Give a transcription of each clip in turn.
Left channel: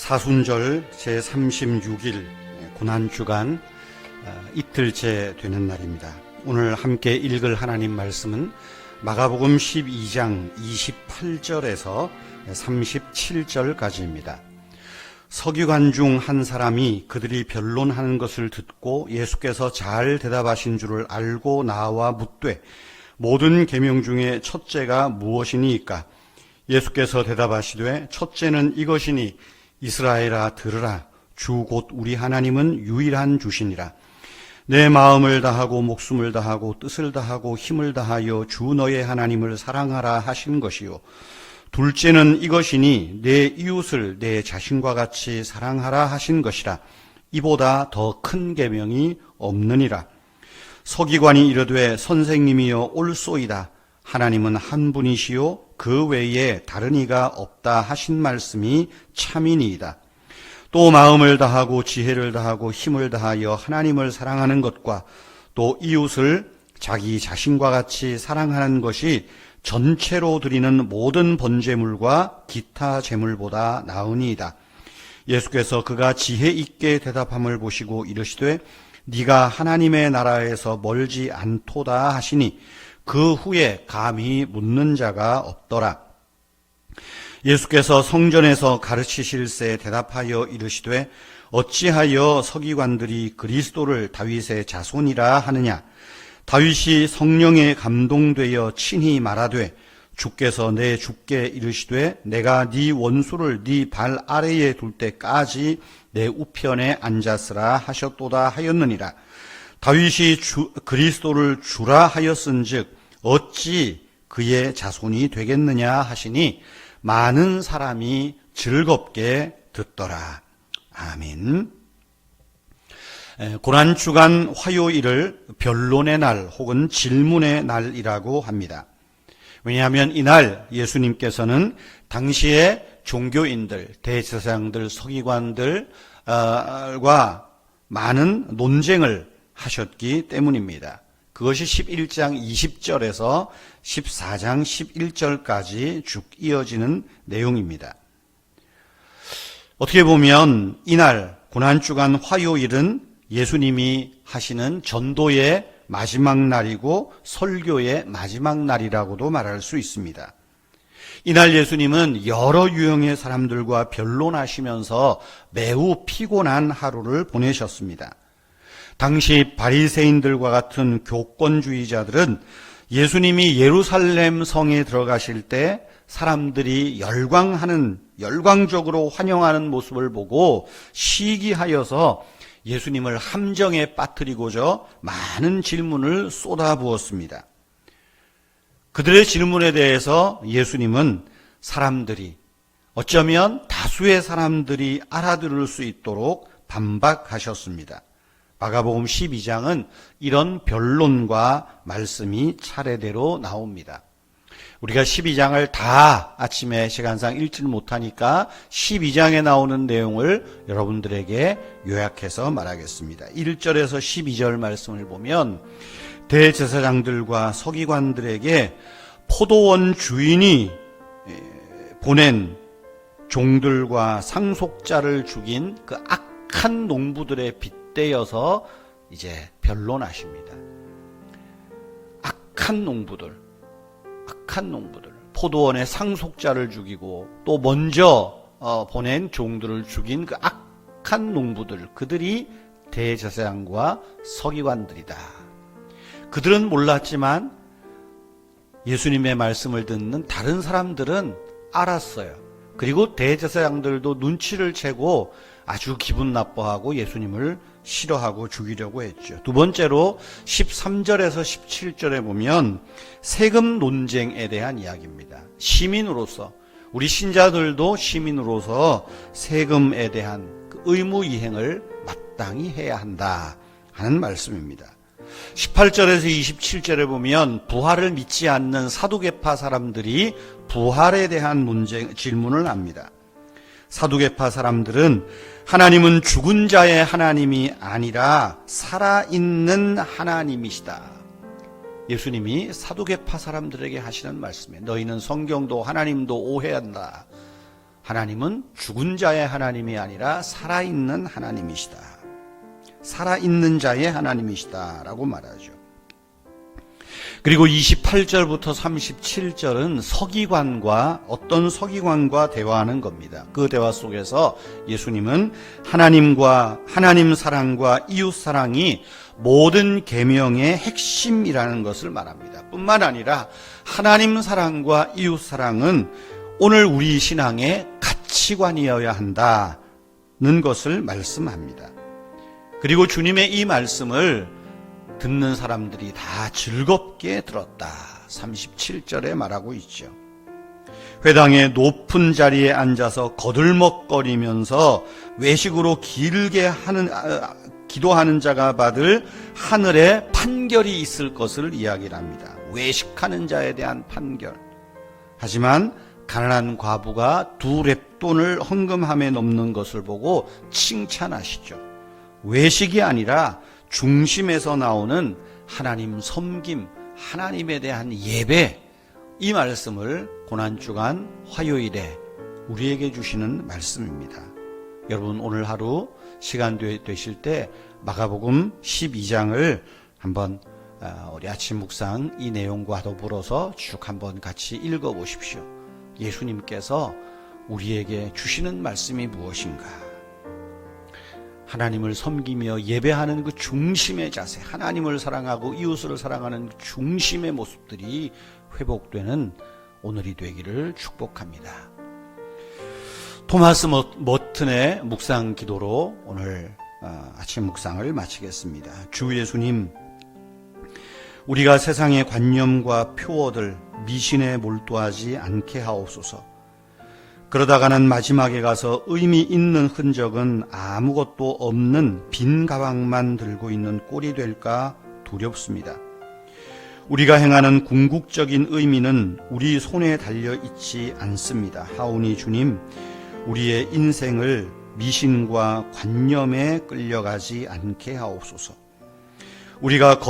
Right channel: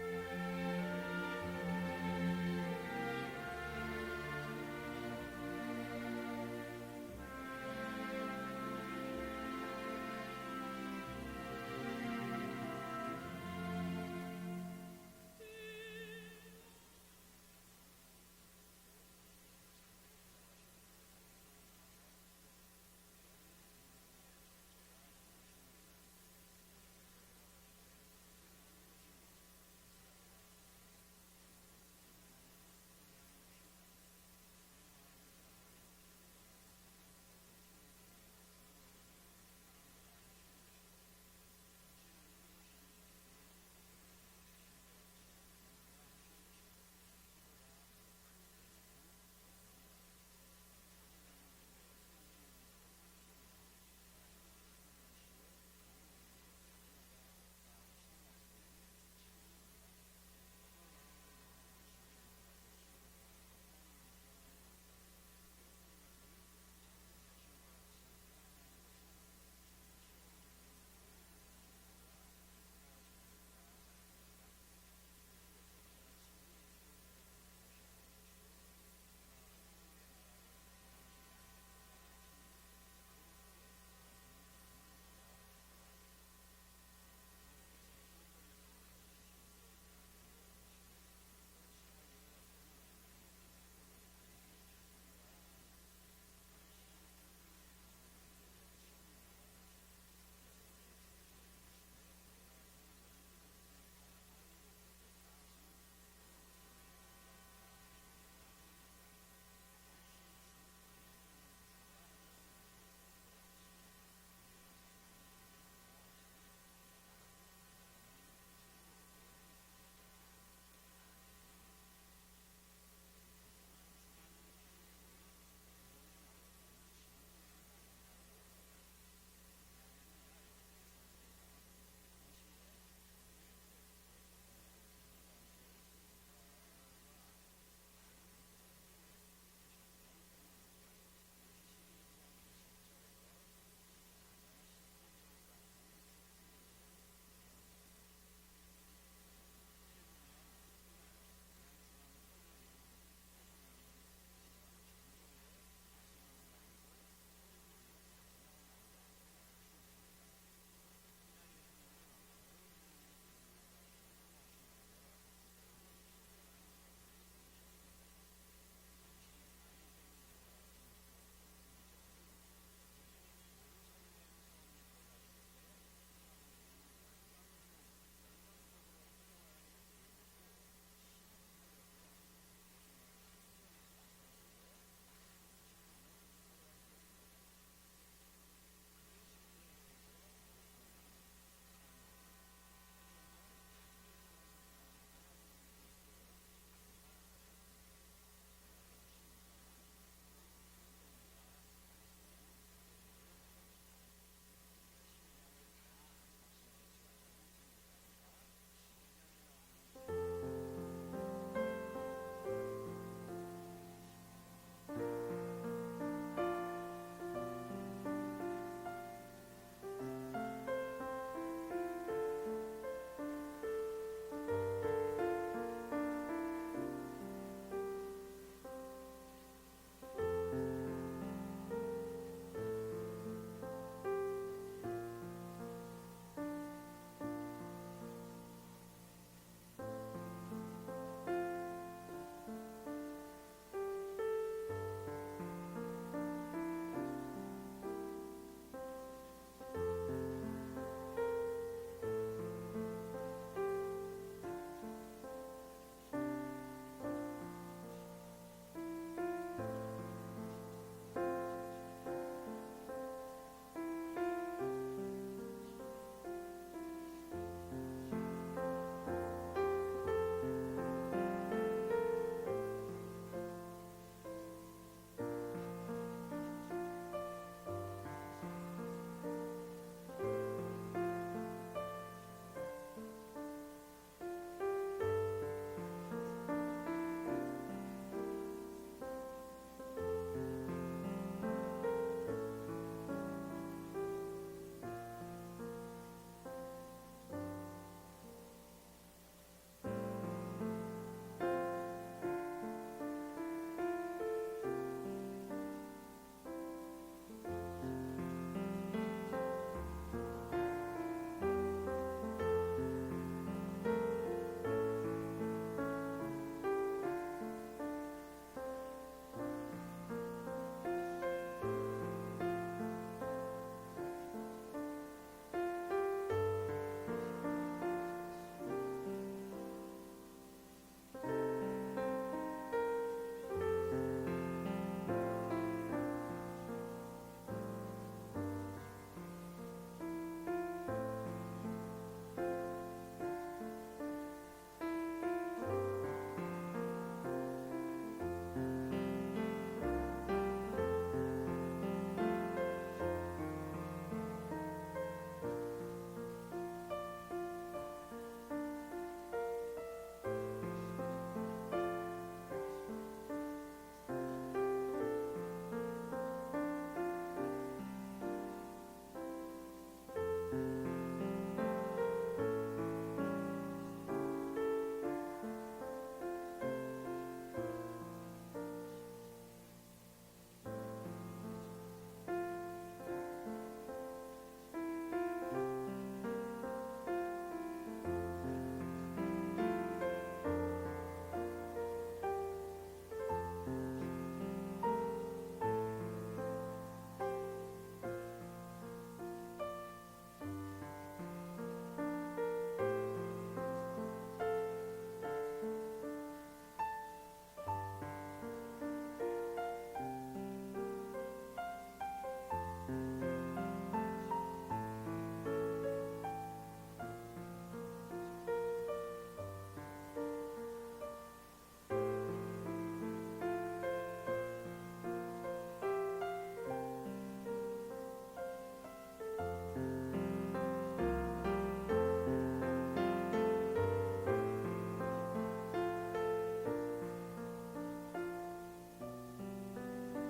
사순절 제36일 고난주간 이틀째 되는 날입니다. 오늘 함께 읽을 하나님 말씀은 마가복음 12장 28절에서 37절까지입니다. 서기관 중 한 사람이 그들이 변론하는 것을 듣고 예수께서 잘 대답하신 줄을 알고 나와 묻되 모든 계명 중에 첫째가 무엇이니까? 예수께서 대답하시되 첫째는 이것이니 이스라엘아 들으라. 주 곧 우리 하나님은 유일한 주시니라. 내 마음을 다하고 목숨을 다하고 뜻을 다하고 힘을 다하여 주 너의 하나님을 사랑하라 하신 것이요. 둘째는 이것이니 내 이웃을 내 자신과 같이 사랑하라 하신 것이라. 이보다 더 큰 계명이 없느니라. 서기관이 이르되 선생님이여 옳소이다. 하나님은 한 분이시요 그 외에 다른 이가 없다 하신 말씀이 참이니이다. 또 마음을 다하고 지혜를 다하고 힘을 다하여 하나님을 사랑하는 것과 또 이웃을 자기 자신과 같이 사랑하는 것이 전체로 드리는 모든 번제물과 기타 제물보다 나으니이다. 예수께서 그가 지혜 있게 대답함을 보시고 이르시되 네가 하나님의 나라에서 멀지 않도다 하시니 그 후에 감히 묻는 자가 없더라. 예수께서 성전에서 가르치실세 대답하여 이르시되 어찌하여 서기관들이 그리스도를 다윗의 자손이라 하느냐? 다윗이 성령에 감동되어 친히 말하되 주께서 내 주께 이르시되 내가 네 원수를 네 발 아래에 둘 때까지 내 우편에 앉았으라 하셨도다 하였느니라. 다윗이 그리스도를 주라 하였은즉 어찌 그의 자손이 되겠느냐 하시니 많은 사람이 즐겁게 듣더라. 아멘. 고난주간 화요일을 변론의 날 혹은 질문의 날이라고 합니다. 왜냐하면 이날 예수님께서는 당시의 종교인들, 대제사장들, 서기관들과 많은 논쟁을 하셨기 때문입니다. 그것이 11장 20절에서 14장 11절까지 쭉 이어지는 내용입니다. 어떻게 보면 이날 고난주간 화요일은 예수님이 하시는 전도의 마지막 날이고 설교의 마지막 날이라고도 말할 수 있습니다. 이날 예수님은 여러 유형의 사람들과 변론하시면서 매우 피곤한 하루를 보내셨습니다. 당시 바리새인들과 같은 교권주의자들은 예수님이 예루살렘 성에 들어가실 때 사람들이 열광적으로 환영하는 모습을 보고 시기하여서 예수님을 함정에 빠뜨리고자 많은 질문을 쏟아부었습니다. 그들의 질문에 대해서 예수님은 사람들이 어쩌면 다수의 사람들이 알아들을 수 있도록 반박하셨습니다. 마가복음 12장은 이런 변론과 말씀이 차례대로 나옵니다. 우리가 12장을 다 아침에 시간상 읽지를 못하니까 12장에 나오는 내용을 여러분들에게 요약해서 말하겠습니다. 1절에서 12절 말씀을 보면 대제사장들과 서기관들에게 포도원 주인이 보낸 종들과 상속자를 죽인 그 악한 농부들의 빗대어서 이제 변론하십니다. 악한 농부들, 포도원의 상속자를 죽이고 또 먼저 보낸 종들을 죽인 그 악한 농부들, 그들이 대제사장과 서기관들이다. 그들은 몰랐지만 예수님의 말씀을 듣는 다른 사람들은 알았어요. 그리고 대제사장들도 눈치를 채고 아주 기분 나빠하고 예수님을 싫어하고 죽이려고 했죠. 두 번째로 13절에서 17절에 보면 세금 논쟁에 대한 이야기입니다. 시민으로서, 우리 신자들도 시민으로서 세금에 대한 의무 이행을 마땅히 해야 한다 하는 말씀입니다. 18절에서 27절에 보면 부활을 믿지 않는 사두개파 사람들이 부활에 대한 질문을 합니다. 사두개파 사람들은 하나님은 죽은 자의 하나님이 아니라 살아있는 하나님이시다. 예수님이 사두개파 사람들에게 하시는 말씀에 너희는 성경도 하나님도 오해한다 하나님은 죽은 자의 하나님이 아니라 살아있는 하나님이시다. 살아있는 자의 하나님이시다라고 말하죠. 그리고 28절부터 37절은 어떤 서기관과 대화하는 겁니다. 그 대화 속에서 예수님은 하나님 사랑과 이웃 사랑이 모든 계명의 핵심이라는 것을 말합니다. 뿐만 아니라 하나님 사랑과 이웃 사랑은 오늘 우리 신앙의 가치관이어야 한다는 것을 말씀합니다. 그리고 주님의 이 말씀을 듣는 사람들이 다 즐겁게 들었다. 37절에 말하고 있죠. 회당의 높은 자리에 앉아서 거들먹거리면서 외식으로 길게 기도하는 자가 받을 하늘의 판결이 있을 것을 이야기를 합니다. 외식하는 자에 대한 판결. 하지만 가난한 과부가 2렙돈을 헌금함에 넘는 것을 보고 칭찬하시죠. 외식이 아니라 중심에서 나오는 하나님 섬김, 하나님에 대한 예배, 이 말씀을 고난주간 화요일에 우리에게 주시는 말씀입니다. 여러분, 오늘 하루 시간 되실 때 마가복음 12장을 한번 우리 아침 묵상 이 내용과 더불어서 쭉 한번 같이 읽어보십시오. 예수님께서 우리에게 주시는 말씀이 무엇인가? 하나님을 섬기며 예배하는 그 중심의 자세, 하나님을 사랑하고 이웃을 사랑하는 그 중심의 모습들이 회복되는 오늘이 되기를 축복합니다. 토마스 머튼의 묵상 기도로 오늘 아침 묵상을 마치겠습니다. 주 예수님, 우리가 세상의 관념과 표어들, 미신에 몰두하지 않게 하옵소서. 그러다가는 마지막에 가서 의미 있는 흔적은 아무것도 없는 빈 가방만 들고 있는 꼴이 될까 두렵습니다. 우리가 행하는 궁극적인 의미는 우리 손에 달려 있지 않습니다. 하오니 주님, 우리의 인생을 미신과 관념에 끌려가지 않게 하옵소서. 우리가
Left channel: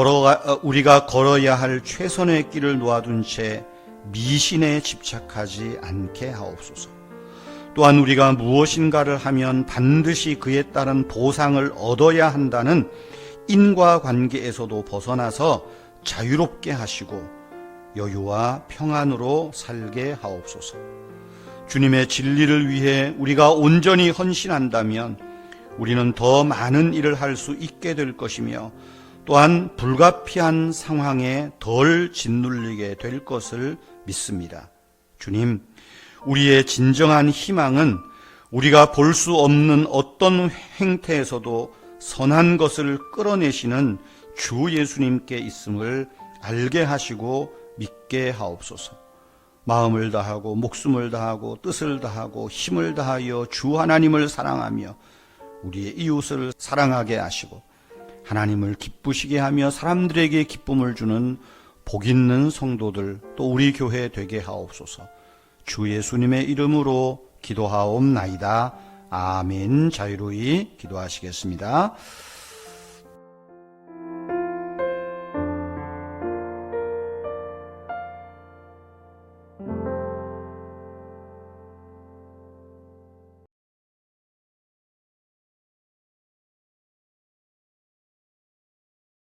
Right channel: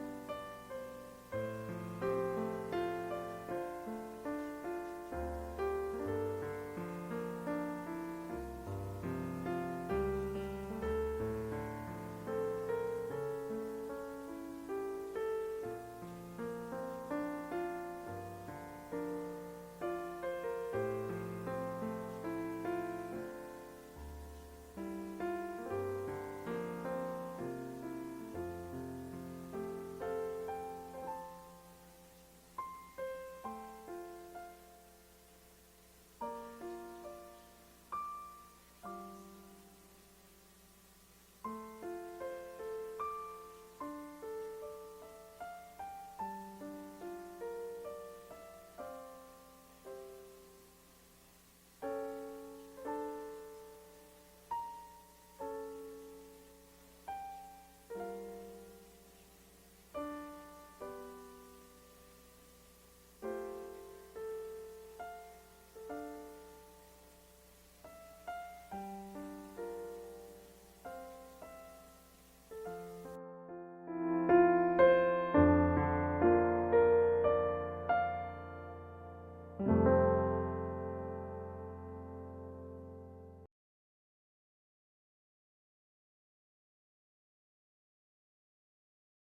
걸어야 할 최선의 길을 놓아둔 채 미신에 집착하지 않게 하옵소서. 또한 우리가 무엇인가를 하면 반드시 그에 따른 보상을 얻어야 한다는 인과관계에서도 벗어나서 자유롭게 하시고 여유와 평안으로 살게 하옵소서. 주님의 진리를 위해 우리가 온전히 헌신한다면 우리는 더 많은 일을 할 수 있게 될 것이며 또한 불가피한 상황에 덜 짓눌리게 될 것을 믿습니다. 주님, 우리의 진정한 희망은 우리가 볼 수 없는 어떤 행태에서도 선한 것을 끌어내시는 주 예수님께 있음을 알게 하시고 믿게 하옵소서. 마음을 다하고 목숨을 다하고 뜻을 다하고 힘을 다하여 주 하나님을 사랑하며 우리의 이웃을 사랑하게 하시고 하나님을 기쁘시게 하며 사람들에게 기쁨을 주는 복 있는 성도들, 또 우리 교회 되게 하옵소서. 주 예수님의 이름으로 기도하옵나이다. 아멘. 자유로이 기도하시겠습니다.